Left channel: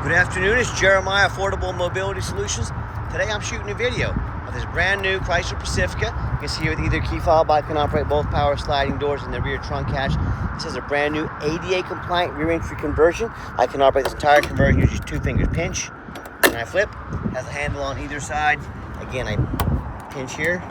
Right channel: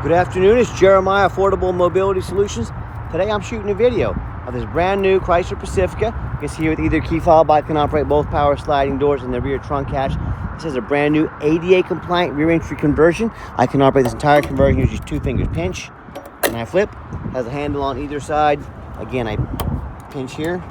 Good afternoon, it's Jeremiah Affordable Mobility Solutions. Today I'm shooting a video of this brand new Chrysler Pacifica. You can see here with either key fob, I can operate both power sliding doors and the rear trunk hatch. This is a brand new ADA compliant rear entry conversion. I can operate this entire conversion using two fingers pinch and I flip. It has a handle on either side. Again, I pinch here,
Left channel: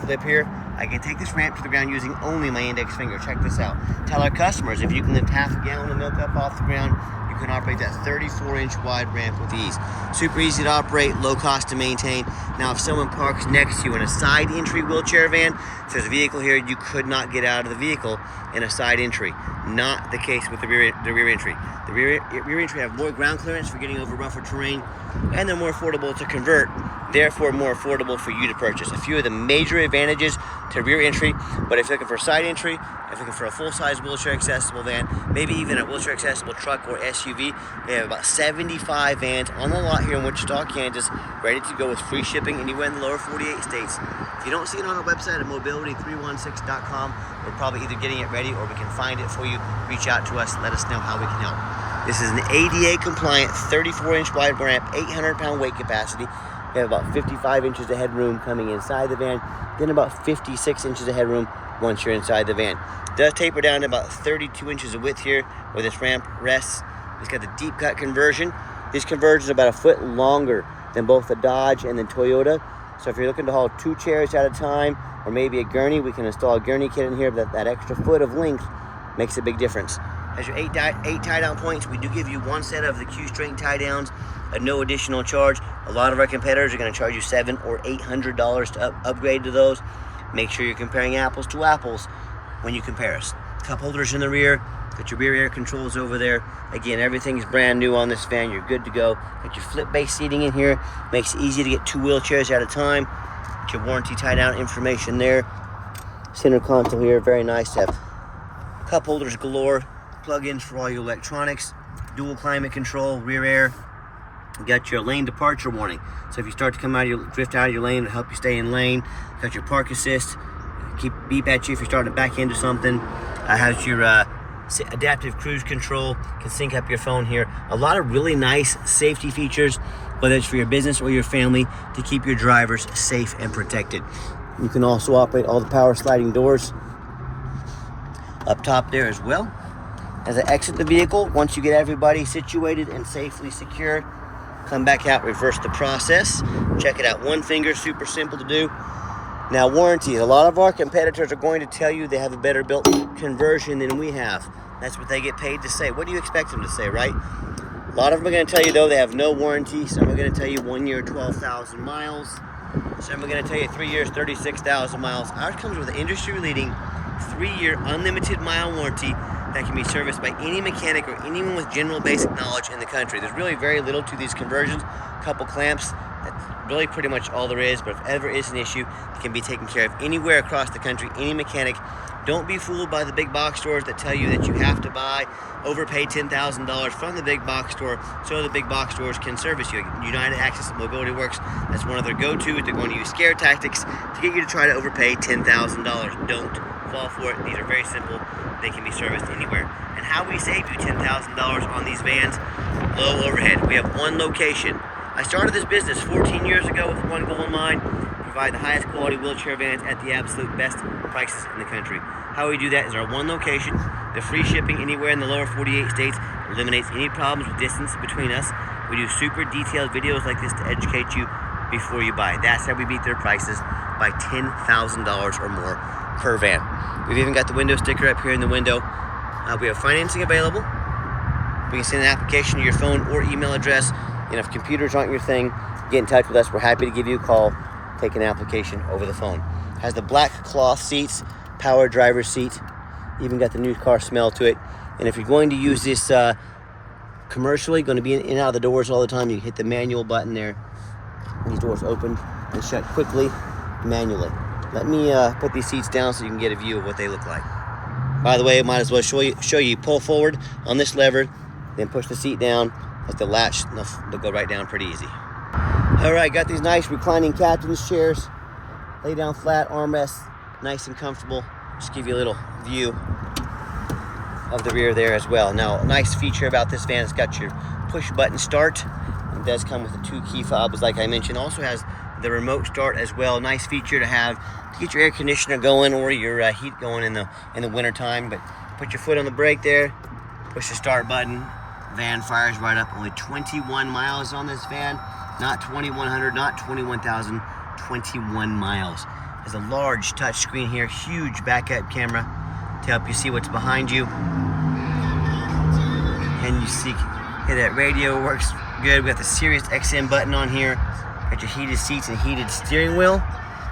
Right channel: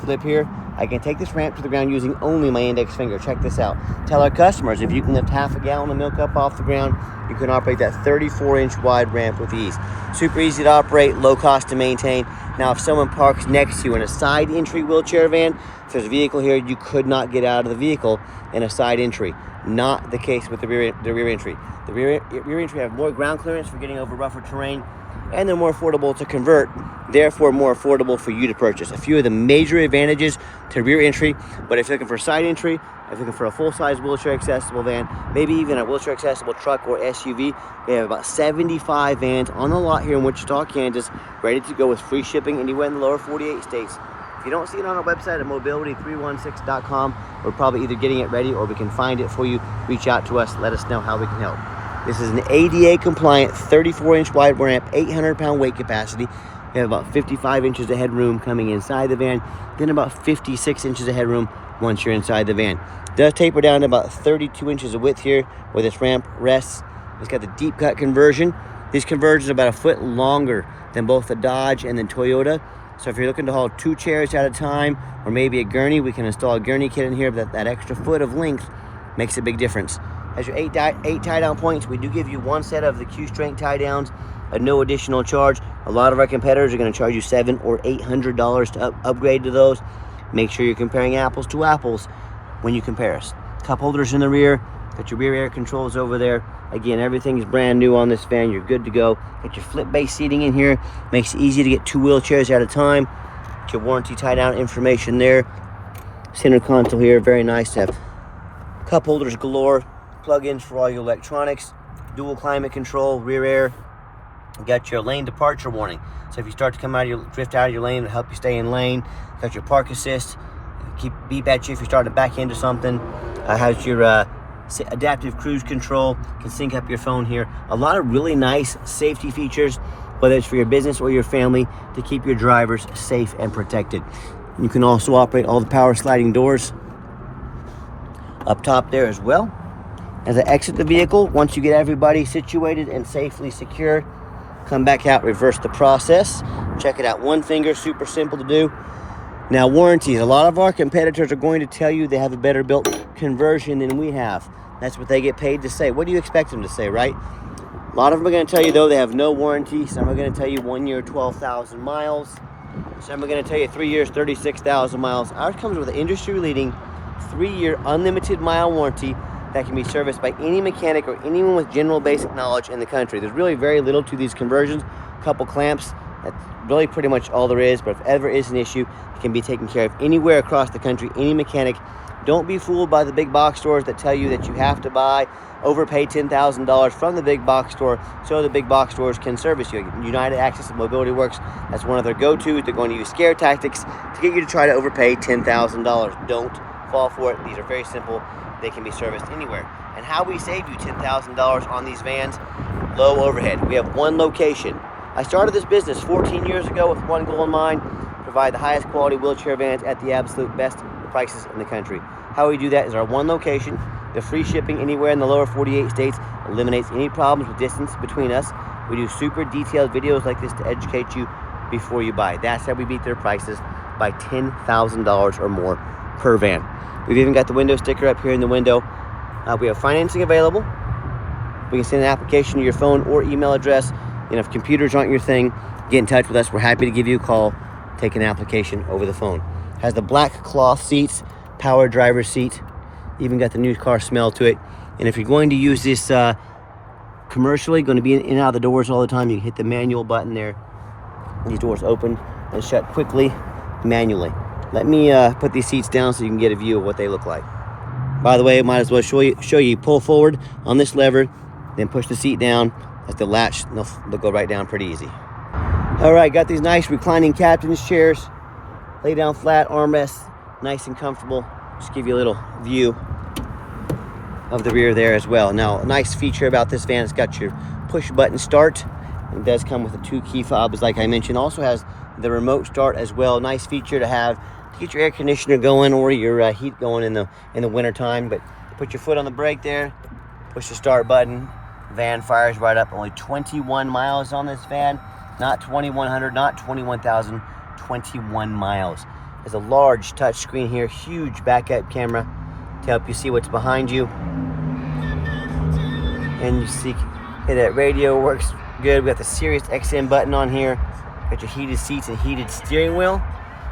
flip here. I can take this ramp to the ground using only my index finger. Check this out. Tell our customers if you can lift half a gallon of milk up off the ground, you can operate that 34-inch wide ramp with ease. Super easy to operate, low cost to maintain. Now, if someone parks next to you in a side entry wheelchair van, it says vehicle here, you could not get out of the vehicle in a side entry. Not the case with the rear entry. The rear entry have more ground clearance for getting over rougher terrain, and they're more affordable to convert, therefore more affordable for you to purchase. A few of the major advantages to rear entry, but if you're looking for side entry, if you're looking for a full-size wheelchair accessible van, maybe even a wheelchair accessible truck or SUV, they have about 75 vans on the lot here in Wichita, Kansas, ready to go with free shipping anywhere in the lower 48 states. If you don't see it on our website at mobility316.com, we're probably either getting it ready or we can find it for you. Reach out to us, let us know how we can help. This is an ADA compliant 34-inch wide ramp, 800-pound weight capacity. We have about 55 inches of headroom coming inside the van, then about 56 inches of headroom once you're inside the van. It does taper down to about 32 inches of width here where this ramp rests. It's got the deep cut conversion. These conversions are about a foot longer than both the Dodge and the Toyota. So if you're looking to haul 2 chairs at a time or maybe a gurney, we can install a gurney kit in here. That extra foot of length makes a big difference. As your 8 tie-down points, we do give you one set of the Q-strength tie-downs at no additional charge. A lot of our competitors are going to charge you $700 or $800 to upgrade to those. Make sure you're comparing apples to apples when you compare us. Cup holders in the rear, got your rear air controls over there. Again, everything is brand new on this van. You're good to go. Got your flip-based seating in here. Makes it easy to get 2 wheelchairs at a time. Got your warranty tie-down information there. Center console here, very nice to have. Cup holders galore. Plug-ins for all your electronics, dual climate control, rear air. You got your lane departure warning. So if you start to drift out of your lane, it'll help you stay in lane. Got your park assist, keep beep at you if you're starting to back into something. Has your adaptive cruise control, can sync up your phone here. A lot of really nice safety features, whether it's for your business or your family, to keep your drivers safe and protected. You can also operate all the power sliding doors up top there as well. As I exit the vehicle, once you get everybody situated and safely secured, come back out, reverse the process. Check it out, one finger, super simple to do. Now, warranties. A lot of our competitors are going to tell you they have a better built conversion than we have. That's what they get paid to say. What do you expect them to say, right? A lot of them are going to tell you, though, they have no warranty. Some are going to tell you 1 year, 12,000 miles. Some are going to tell you 3 years, 36,000 miles. Ours comes with an industry-leading 3-year unlimited mile warranty that can be serviced by any mechanic or anyone with general basic knowledge in the country. There's really very little to these conversions. A couple clamps, that's really pretty much all there is, but if ever is an issue, it can be taken care of anywhere across the country, any mechanic. Don't be fooled by the big box stores that tell you that you have to overpay $10,000 from the big box store so the big box stores can service you. United Accessible Mobility Works, that's one of their go-tos. They're going to use scare tactics to get you to try to overpay $10,000. Don't fall for it. These are very simple. They can be serviced anywhere. And how we saved you $10,000 on these vans, low overhead. We have one location. I started this business 14 years ago with one goal in mind: provide the highest quality wheelchair vans at the absolute best prices in the country. How we do that is our one location. The free shipping anywhere in the lower 48 states eliminates any problems with distance between us. We do super detailed videos like this to educate you before you buy. That's how we beat their prices by $10,000 or more per van. We've even got the window sticker up here in the window. We have financing available. We can send an application to your phone or email address. And if computers aren't your thing, get in touch with us. We're happy to give you a call, take an application over the phone. Has the black cloth seats, power driver's seat, even got the new car smell to it. And if you're going to use this commercially, going to be in and out of the doors all the time, you can hit the manual button there. These doors open and shut quickly, manually. Let me put these seats down so you can get a view of what they look like. By the way, I might as well show you pull forward on this lever, then push the seat down. Just the latch, they'll go right down pretty easy. All right, got these nice reclining captain's chairs. Lay down flat, armrests, nice and comfortable. Just give you a little view. of the rear there as well. Now, a nice feature about this van, it's got your push button start. It does come with the 2 key fobs, like I mentioned. Also has the remote start as well. Nice feature to have to get your air conditioner going or your heat going in the winter time. But put your foot on the brake there, push the start button, van fires right up. Only 21 miles on this van, not 2,100, not 21,000, 21 miles. There's a large touch screen here, huge backup camera to help you see what's behind you. And you see, hey, that radio works good. We got the Sirius XM button on here. Got your heated seats and heated steering wheel.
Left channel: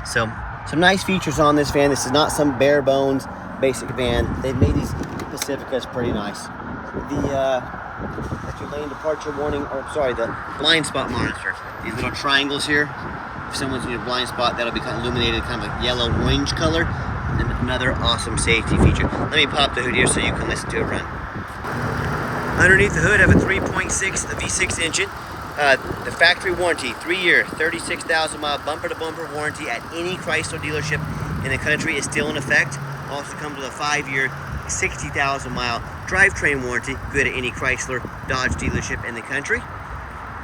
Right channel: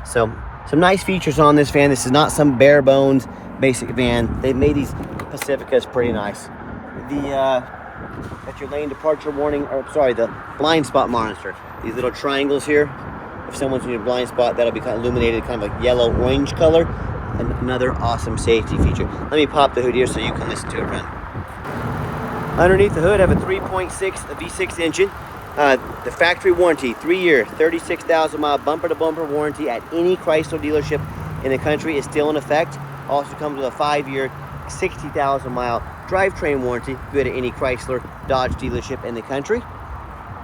So some nice features on this van. This is not some bare bones basic van. They've made these Pacificas pretty nice. Got your lane departure warning, the blind spot monitor. These little triangles here. If someone's in a blind spot, that'll be kind of illuminated, kind of like yellow-orange color. And another awesome safety feature. Let me pop the hood here so you can listen to it run. Underneath the hood, I have a 3.6 V6 engine. The factory warranty, 3-year, 36,000 mile bumper-to-bumper warranty at any Chrysler dealership in the country is still in effect. Also comes with a 5-year, 60,000 mile drivetrain warranty, good at any Chrysler Dodge dealership in the country.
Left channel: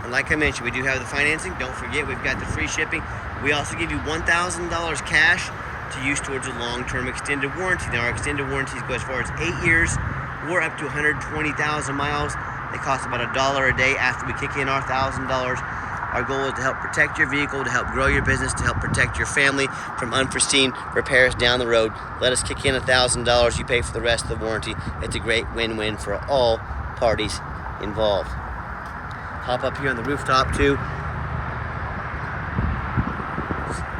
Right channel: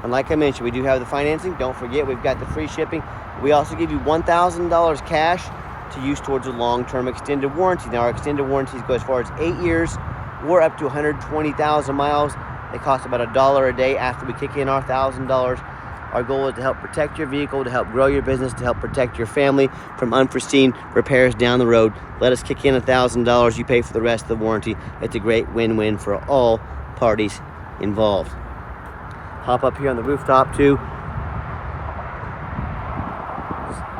And like I mentioned, we do have the financing. Don't forget, we've got the free shipping. We also give you $1,000 cash to use towards a long-term extended warranty. Now, our extended warranties go as far as 8 years or up to 120,000 miles. They cost about $1 a day after we kick in our $1,000. Our goal is to help protect your vehicle, to help grow your business, to help protect your family from unforeseen repairs down the road. Let us kick in $1,000. You pay for the rest of the warranty. It's a great win-win for all parties involved. Hop up here on the rooftop too.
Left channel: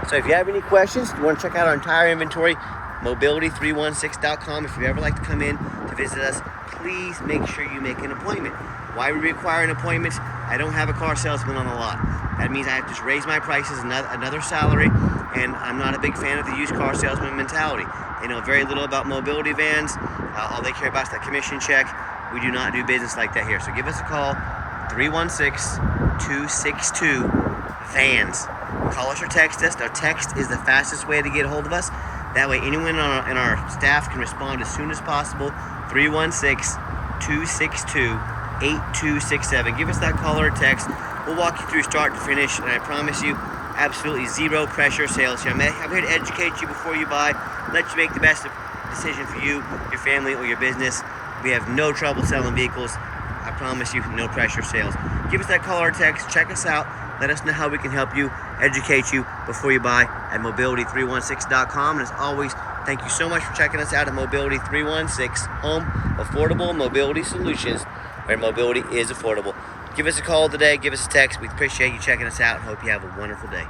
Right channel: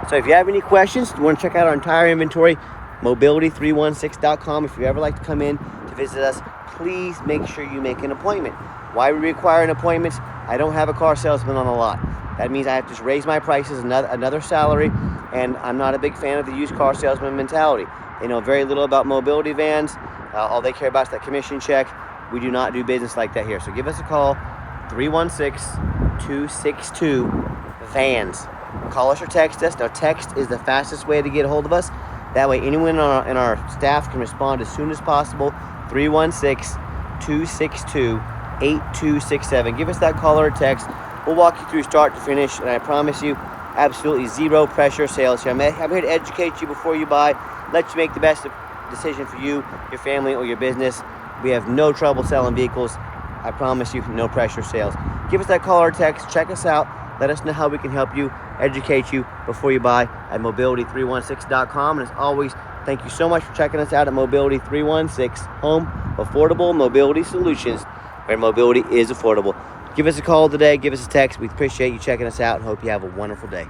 So if you have any questions, you want to check out our entire inventory, mobility316.com. If you ever like to come in to visit us, please make sure you make an appointment. Why we require an appointment? I don't have a car salesman on the lot. That means I have to just raise my prices, another salary, and I'm not a big fan of the used car salesman mentality. They know very little about mobility vans. All they care about is that commission check. We do not do business like that here. So give us a call, 316-262-VANS. Call us or text us. Now, text is the fastest way to get a hold of us. That way, anyone in our staff can respond as soon as possible. 316-262-8267. Give us that call or text. We'll walk you through start to finish, and I promise you, absolutely zero pressure sales here. I'm here to educate you before you buy, let you make the best decision for you, your family, or your business. We have no trouble selling vehicles. I promise you, no pressure sales. Give us that call or text. Check us out. Let us know how we can help you, educate you before you buy at mobility316.com. And as always, thank you so much for checking us out at Mobility 316, home affordable mobility solutions, where mobility is affordable. Give us a call today. Give us a text. We appreciate you checking us out and hope you have a wonderful day.